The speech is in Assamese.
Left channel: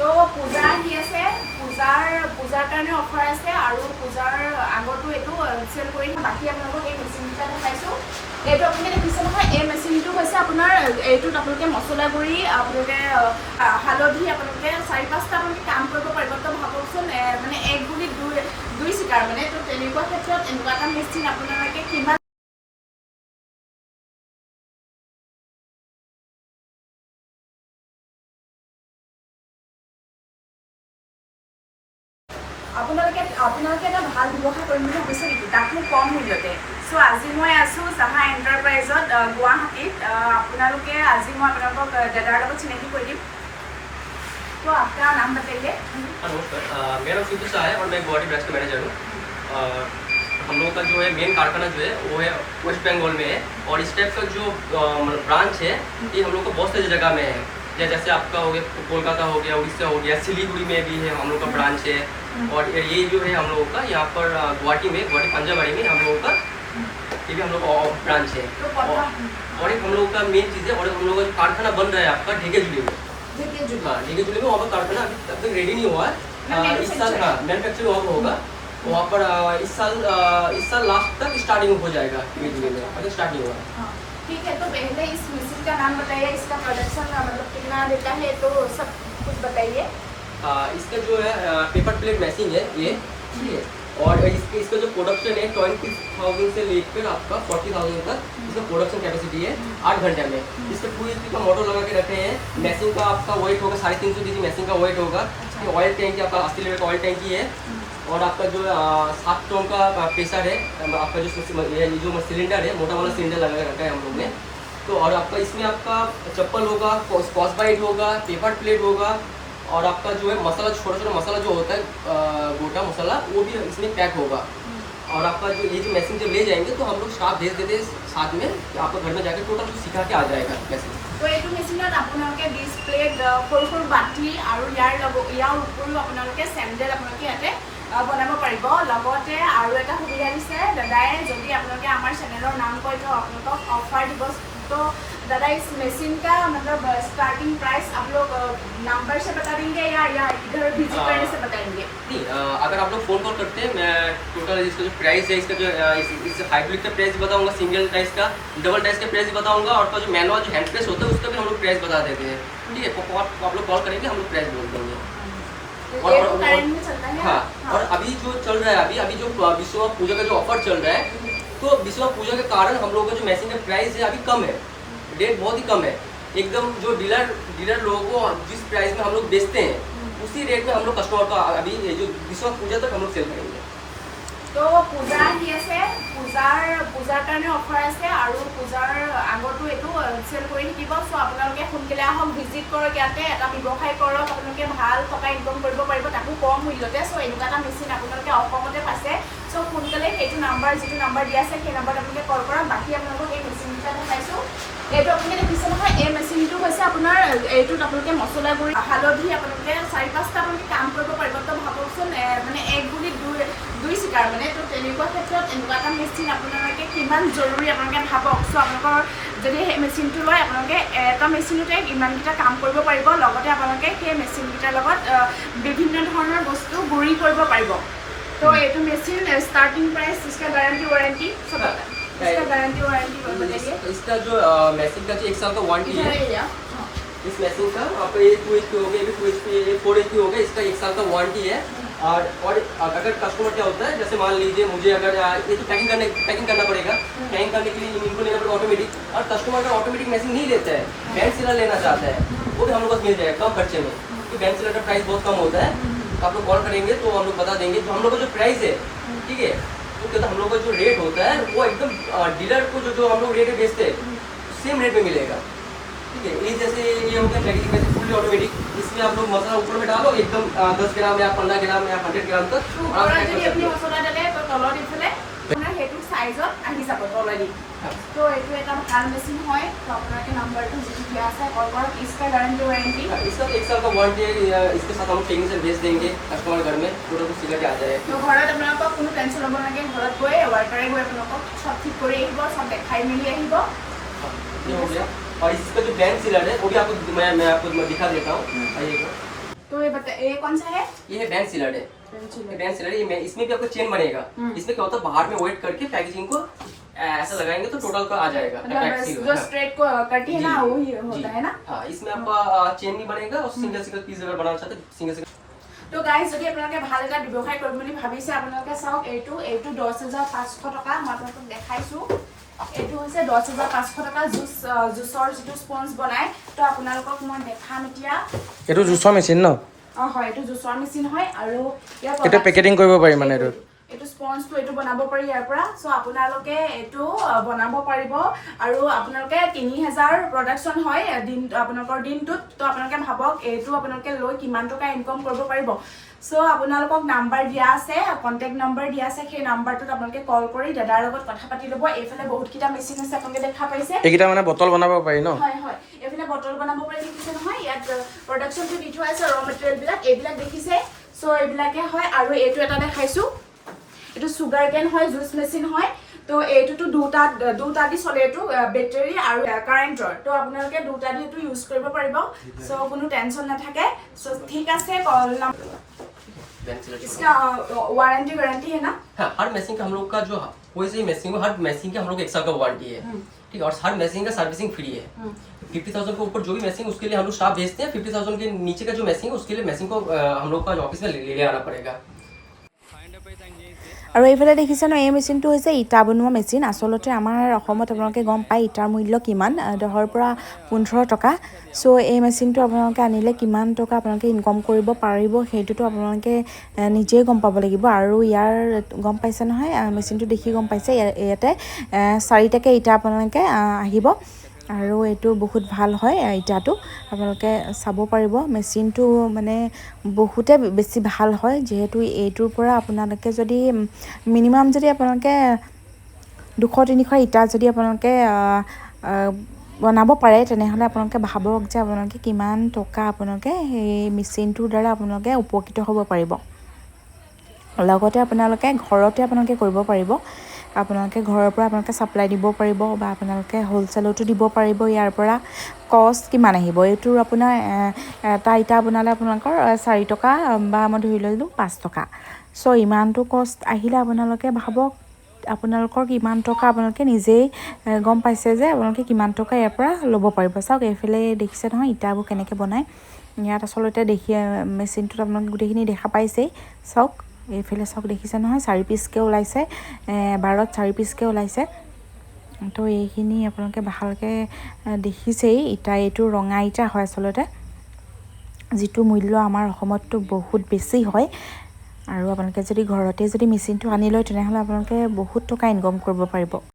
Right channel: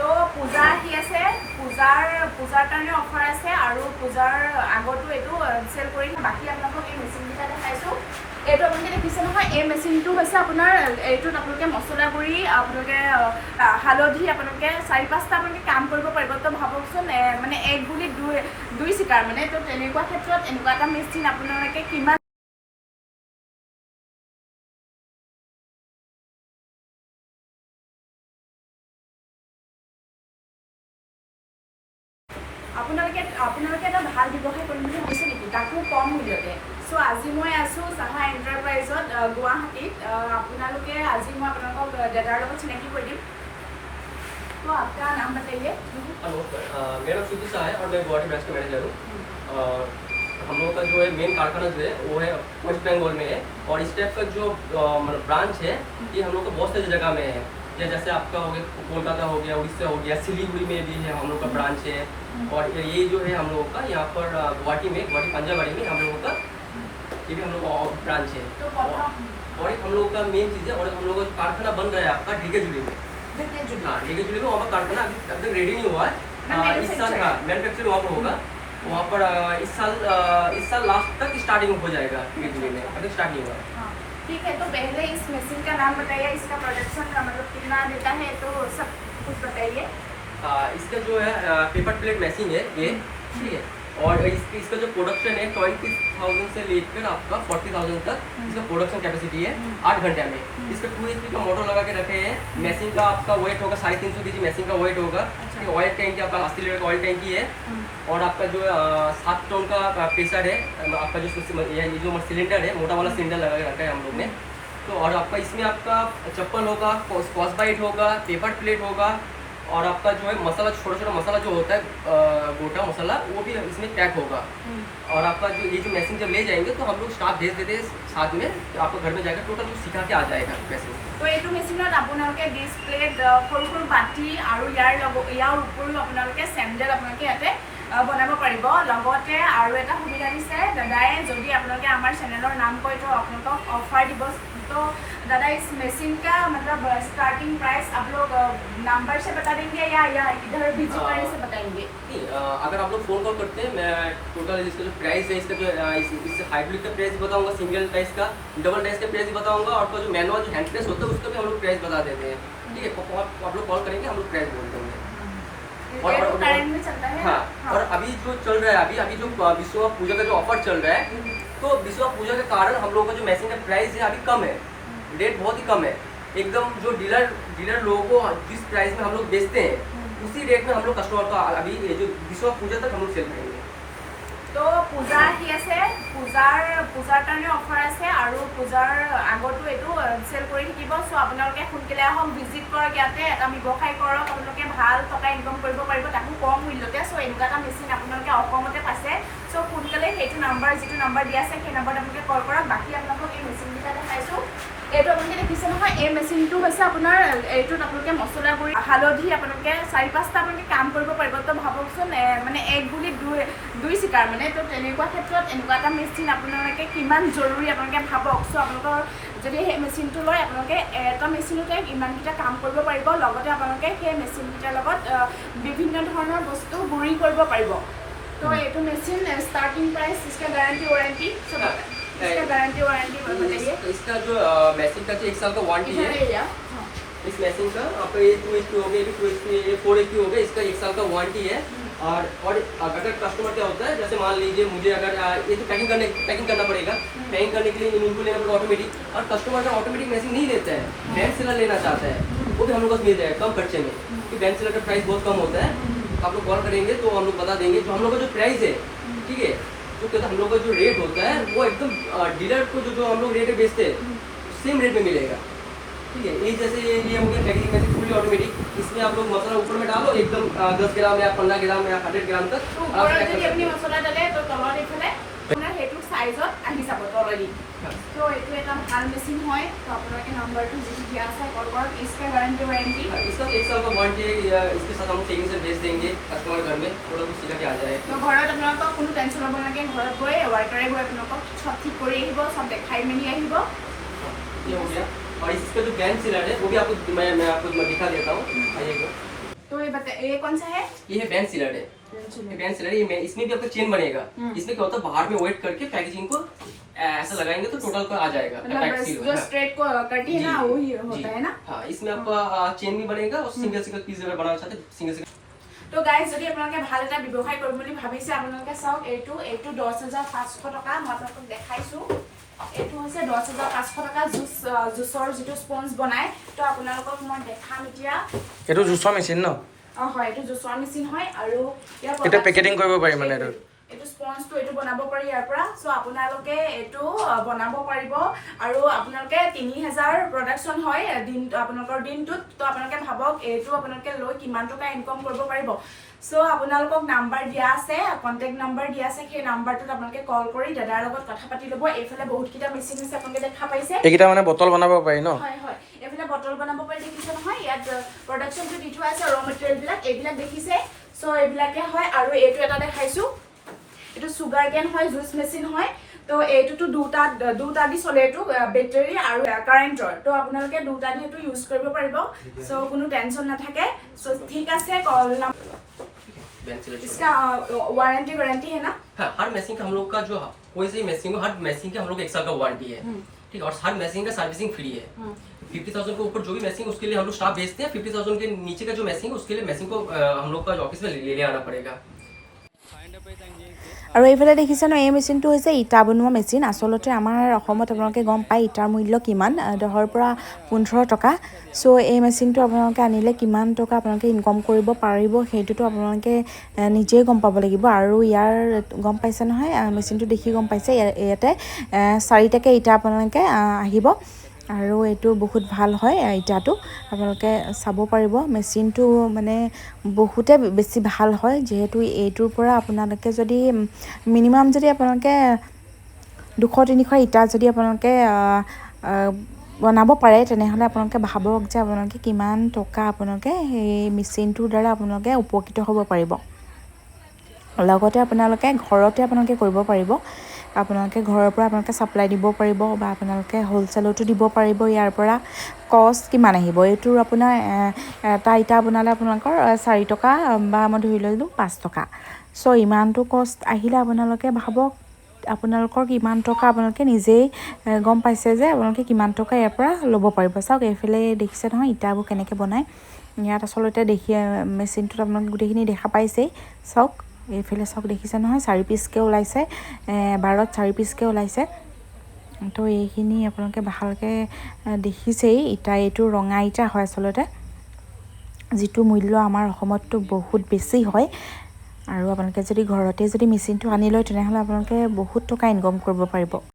তো পূজা আহি আছে, পূজাৰ কাৰণে অফাৰ আছে আৰু পূজাৰ আগতো এইটো চেল কৰি বাকী আপোনালোকক এই মেচিনকেইটা দেখাইছোঁ। এইটো আপোনালোকে দেখিছে নহয়, এই মেচিনটো হৈছে আপোনাৰ এইটোত আপোনালোকে মছলা গুড়ি, আপোনালোকে হালধি, আপোনালোকে 4-5টা আপোনালোকে কাম কৰিব পাৰিব। তো ভাবকচোন মানে এক গুলি দুই চিকাৰ মানে। তো তেনেকুৱা ক্ষেত্ৰত এনেকুৱা এটা মেচিন আপোনালোকে কিমান আপোনালোকে এটা ভাল ব্যৱসায় কৰিম বুলি ভাবিছে নেকি, তাকো কম মূল্যতে? চ' আজি মই আছোঁ চাহা এণ্টাৰপ্ৰাইজত গুৱাহাটীত। আপোনালোকে আজি মই আপোনালোকক দাদাৰ লগত চিনাকি কৰি দিম। তো আপোনাৰ নাম बताइए। मेरा नाम शुभ शाह है और मैं गुवाहाटी ब्रांच का मैनेजर हूँ। हम लोग का जो है मेन कारखाना जो है वो है वेस्ट बंगाल में है, और इस टाइप का जो ब्रांच है ये हम लोग को बहुत सारी जगह में है। जैसे आपका हो गया कोलकाता हो गया, उड़ीसा हो गया, सिलीगुड़ी में भी है हम लोग का ब्रांच है। और ये जो है हम लोगों का यहाँ पर गुवाहाटी पंजाबाड़ी में हम लोगों का ये भी हम लोग ब्रांच है। और एक हम लोग का मेन चीज़ है, और हम लोग का कारखाना बन रहा है आपका ढेके जुली में। हाँ, ढेके जुली में वहाँ पर कारखाना अभी तक रेडी नहीं हुआ है। इस साल हाँ मैनुफैक्चरिंग वहाँ पर होगा। वहाँ पर इस साल लास्ट तक स्टार्टिंग हो जाएगा ढेके जुली में, अगर स्टार्ट नहीं हुआ। ठीक है, तो पहले इस मशीन का नाम बताइए, इसका प्रोडक्शन मतलब कितना देता है, तो सब कुछ बताइए। इसका जो है पेपर प्लेट मैचिंग है ये, ठीक है। और इसका जो प्रोडक्शन है 20,000 से लेकर आपका 40,000 तक इसका प्रोडक्शन कैपेसिटी है 8 घंटे में। इसका 2 HP का मोटर लगा के रखे हैं। मैचिंग का आपका वेट होगा 350 kg मैचिंग का वेट होगा। ऑयल टैंकी आपका 80 लीटर का ऑयल टैंकी है। और आपका जो 7 टन का प्रेशर है, आपका जो सिलेंडर है, मोटा वाला सिलेंडर लगा के रखा है हम लोग ने। तो और आपका इसमें आपका चप्पल होगा, स्कॉच बाइट होगा, पेपर प्लेट होगा, और आपका जो है मसाला, छोटा मसाला जो होता है गोटा मसाला, वो भी इसमें पैक होगा। और आपका जो ये जो मशीन जब ले जाएंगे तो हम लोग स्टाफ भेज देते हैं साथ में, आपको घर में जाकर टोटल सिखा के आ जाएगा मशीन। तो ये मेचिনত আপোনালোকে ডিসপ্লেট সৰু বাটি আৰু ইয়াৰ উপৰিও আপোনালোকে চেণ্ডেল আপোনালোকে ইয়াতে বনাব পাৰিব। লগতে আৰু এটা সুবিধা দিছে দাদাই, যদি আপোনালোকে আমাৰ চেনেলৰ নাম কৈ থওঁ আপোনালোকক অফাৰ দিব। तो दादा इस मशीन का मतलब स्टार्टिंग प्राइस आप लोग नंबर से बता देंगे या इधर विजिट करने से बताएंगे? नहीं, अगर आप लोग फ़ोन कॉल करते हैं, मैं टोटल इसका जो प्राइस है, इसका जो इससे हाइब्रिड का प्राइस बताऊंगा, सिंगल टाइस का, डबल टाइस का प्राइस बताऊंगा, और जो मैनुअल जो हैंड प्रेस होता है उसका भी हम लोग प्राइस बता देते हैं। ठीक है, आप लोग कॉल करेंगे, हम लोग प्राइस बोल देंगे। और हाँ, और अभी जो चल रहा है, अभी जो विश्व पूजा का जो ऑफर चल रहा है, तो विश्व पूजा के कारण हम लोगों का जो मशीन का प्राइस है अभी कम है, रेट बहुत ही कम है एकदम। जो डीलर लोगों को जिस प्राइस में हम लोग बेचते हैं उसी रेट में हम लोग कस्टमर को अभी जो विश्व पूजा तक हम लोग सेल करेंगे। तो পূজা আহি আছে, পূজাৰ কাৰণে অফাৰ আছে আৰু পূজাৰ আগতো এইটো চেল কৰি থাকিব। চ' আপোনালোকে সোনকালে আহক, ভিজিট কৰক, ইয়াতে এটা ব্যৱসায় কৰক, আপোনালোকে ভাল টকা ইনকম কৰিব পাৰিব, তাকো কম মূল্যতে। চ' এনেকুৱা এটা মেচিন আপোনালোকে অসমতে পাইছে। চ' সোনকালে সেইটো নাম্বাৰ, যিটো নাম্বাৰ দিয়া আছে সেই নাম্বাৰত আপোনালোকে কল কৰক। বাকী আপোনালোকক এই মেচিনকেইটা দেখাইছোঁ। এইটো আপোনালোকে দেখিছে নহয়, এই মেচিনটো হৈছে আপোনাৰ এইটোত আপোনালোকে মছলা গুড়ি, হালধি, আপোনালোকে 4-5টা আপোনালোকে কাম কৰিব পাৰিব। তো ভাবকচোন মানে এক গুলি দুই চিকাৰ মানে। তো তেনেকুৱা ক্ষেত্ৰত এনেকুৱা এটা মেচিন আপোনালোকে কিমান জৰুৰী আপোনালোকে ভাবক। চ' আপোনালোকৰ যদি সেই মেচিনটো লয়, আপোনালোকে এটা মেচিনতে ইমানকেইটা কাম কৰিব পাৰিব। লগতে আপোনালোকে সেই মেচিনকেইটাৰ লগত বিভিন্ন ধৰণৰ বস্তু গুড়ি কৰিব পাৰিব। তো এইটো মেচিন স্টাर्टिंग प्राइस, इसका गारंटी वारंटी सब इसका गारंटी वारंटी बताइए। इसका जो मशीन का जो 1 साल का वारंटी है, इस मशीन का आपका ये 2 HP हो गया, ये 2 HP, ये 4 HP हो गया, इसका 1 साल का वारंटी है। और अगर कस्टमर क्या होता है, जैसे मान लीजिए मुझे अगर ये तो पैकिंग करना पड़ेगा, पैकिंग करने के लिए इनको लेना पड़ेगा ऑटोमेटिक। और कस्टमर अगर ऑटोमेटिक मशीन नहीं लेता है, बैंड सीलर लेना चाहता है, वो भी हम लोग को मिल जाएगा कम खर्चे में। कि बैंड सीलर का प्राइस बहुत कम होता है। तो आप लोग कॉल करेंगे तो हम लोग बता देंगे जो हम लोग का जो प्राइस है, ठीक है, तो क्या हम लोग का जो रेट होता है वो एकदम डीलर को जो हम लोग रेट बेचते हैं सेम रेट में मिलेगा। ठीक है, ये जैसे ये हो गया पैकिंग वैसे फुल्ली ऑटोमेटिक। इसमें आप लोग मसाला ऊपर में डालो एकदम 10 ग्राम या 15 ग्राम या 100 ग्राम तक मसला डाले तो तलत इफाले সেইটো সাইজত আহি যাব তলেদি। তো এইটো এটা ভাল মেচিন হয়। তো আপোনালোকে নাম্বাৰটো যিটো দিয়া আছে কল কৰক। इसका गारंटी वारंटी, इसका 1 साल का वारंटी है। इसके साथ हम टेक्नीशियन भेज देंगे कस्टमर घर में, पूरा कुछ सिखा के आ जाए। तो घৰত আপোনালোকক কোনো টেনশ্যন ল'ব নালাগে। ঘৰত গৈ ৱাৰ্কাৰে গৈ আপোনালোকক সব ঠিক কৰি আহিব, সব দেখাই মেলি আহিব। ये हो गया। और इसका जो बैंड सीलर है वो भी आपको मैं आपको दिखा देता हूँ। आइएगा। तो ये ये कौन सा है? ये है बैंड सीलर है, बैंड सीलर है। इसमें भी आपको चेन बनेगा। इसमें क्या होता है बाहर में वेट करके पैकेजिंग को ऐसा लगाएंगे तो टोटल का आ जाएगा। जो स्ट्रेट को कटी है ना वही होता है ना। हाँ, इसमें आपका चेन भी बनेगा और सिंगल सिंगल पीस अगर बनाना चाहते हैं सिंगल सिंगल। তো গাইজ যদি আপোনালোকে ভাল এটা ব্যৱসায় কৰিম বুলি ভাবিছে আপোনালোকে চাওক এইটো 10,500 টকা মই আপোনালোকক দেখাইছোঁ। এইটো হৈছে 10,500 টকা জুচৰ যিটো স্পঞ্জ বনাই। তো আপোনালোকক মই দেখাম এতিয়া। এইটো জুচৰ মেচিন ন? হয়, এইটো জুচৰ মেচিন হয় আৰু এটা পেকেটিং কৰিব পাৰি মানে এইটো স্পঞ্জটো এইটো বনাব পাৰি ইয়াৰ পৰা। চ' আপোনালোকে এইটো বনাব পাৰিব আৰু আপোনালোকে 3,000 প্ৰডাকশ্যন হয় আপোনালোকৰ দিনটোত। তো আপোনালোকে ভাবক এইটো আপোনালোকে লৈ কিমান টকা ইনকম কৰিব পাৰিব। চ' আপোনালোকক নাম্বাৰ দিয়া আছে, কণ্টেক্ট নাম্বাৰ দিয়া আছে। সেই নাম্বাৰটোত আপোনালোকে কল কৰি দাদাৰ লগত কথা পাতি ল'ব। এইফালে বহুতকেইটা মেচিন আছে আপোনালোকে দেখা পাইছে। এইকেইটা মানে বটল বনাব পাৰি ন? হয় হয়, এইফালে বটল বনাব পাৰি দেখিছে নহয়। ইয়াত প্ৰডাকশ্যনটো দি থোৱা আছে, ৰ মেটেৰিয়েলবিলাক এইবিলাক দেখিছে। চ' এইবিলাকে হয় আৰু এইটো এটা দেখাইছোঁ, এইটো চুগাৰ কেন হয়, জুচ মেচিন হয়। তো এইটোতো দুটা দি চলে, এইটো বেটাৰী আৰু কাৰেণ্টৰ। তো আপোনালোকে দুটা দি এইটো ইউজ কৰিব পাৰিব। চ' কোনো টেনশ্যন নাথাকে। চ' ঠিক আছে, इसका वारंटी गारंटी है ना? हाँ, हर मशीन का हम लोग का जो कोई सी मशीन हो, हर मशीन का हम लोग 1 साल का वारंटी है। ठीक है, और हर मशीन का सर्विसिंग फ्री है। 50,000 के ऊपर जो भी मशीन उसके लिए हम लोग स्टाफ भेजते हैं। 50,000 के नीचे का जो मशीन है उसके लिए मशीन को हम लोग का ऑफिस में ले आना पड़ेगा। আৰু এইফালে দেখিছে ন, এই মেচিনটো হৈছে ইটা বনোৱা মেচিন। আচলতে আমাৰ অসমত আপোনালোকে গম পায় ইটাৰ মূল্য কিমান, 10ৰ পৰা 15 টকা। চ' এই মেচিনটো আপোনালোকে আনিলে কিমান টকা আপোনালোকে ইনকম কৰিব পাৰিব সেইটোতো আপোনালোকে নিজেই গম পাব লাগিব। আৰু ইয়াৰ গম পাইছে নহয়, মেচিনটো দেখি গম পাইছে ইয়াতে 4টাকৈ ইটা আপোনালোকে আহিব আৰু এইটো বহুত ভাল হয় ইটাটো। আপোনালোকে চাব পাৰিব মেচিনটো মানে বহুতে বেছি ভাল হয়। যিহেতু এইটোৰ পৰা আপোনালোকে যদি মিনিমাম যদি আপোনালোকে 200-300 ইটা যদি আপোনালোকে বনাব পাৰে তেনেহ'লে আপোনালোকে ভাবক যে আপোনালোকে কিমান টকা আপোনালোকে সেই মেচিনটোৰ দ্বাৰা আপোনালোকে উপকৃত হ'ব পাৰিব। লগতে আপোনালোকে ঘৰতে আপোনালোকে কৰিব পাৰিব। আপোনালোকে ঘৰৰ পৰা আপোনালোকে ছাপ্লাই দিব পাৰিব বা আপোনালোকে হ'লচেলতো দিব পাৰিব। ইয়াৰ পৰা কষ্ট কিমান আহিব, এইটোৰ আপোনাৰ এটা ইটা বনালে আপোনালোকৰ 4 টকা বা মই ধৰি ল'লোঁ 5 টকা। চ' ইমানটো কষ্ট আহিলে আপোনালোকে ভাবক আপোনালোকৰ কিমান টকা আপোনালোকে নিজেই গম পাইছে যে আপোনালোকে কিমান টকা ইয়াৰ পৰা ল'ব পাৰিব। চাওক এইফালে দেখিছে নহয় ইটাবোৰ কেনেকৈ বনায়। ইয়াত আচলতে মেচিনটোত আপোনালোকে গোটেইখিনি দেখা পাইছেই। চাওক এইফালে চাওক দেখিছে নহয় 4 পিচকৈ ওলাইছে, 12ত 4 পিচকৈ ওলাইছে। তো এইখিনি আপোনালোকে ভালকৈ দেখিছেই। ইটা এইটো ৰঙা ইটা হয় আচলতে, যিটো মূল্য আমাৰ অসমততো বহুত বেছি হয়। আৰু আপোনালোকে যদি ঘৰতে যদি মেচিনটো আনি লয় তেনেহ'লে আপোনালোকে বহুত টকা ইনকম কৰিব পাৰিব।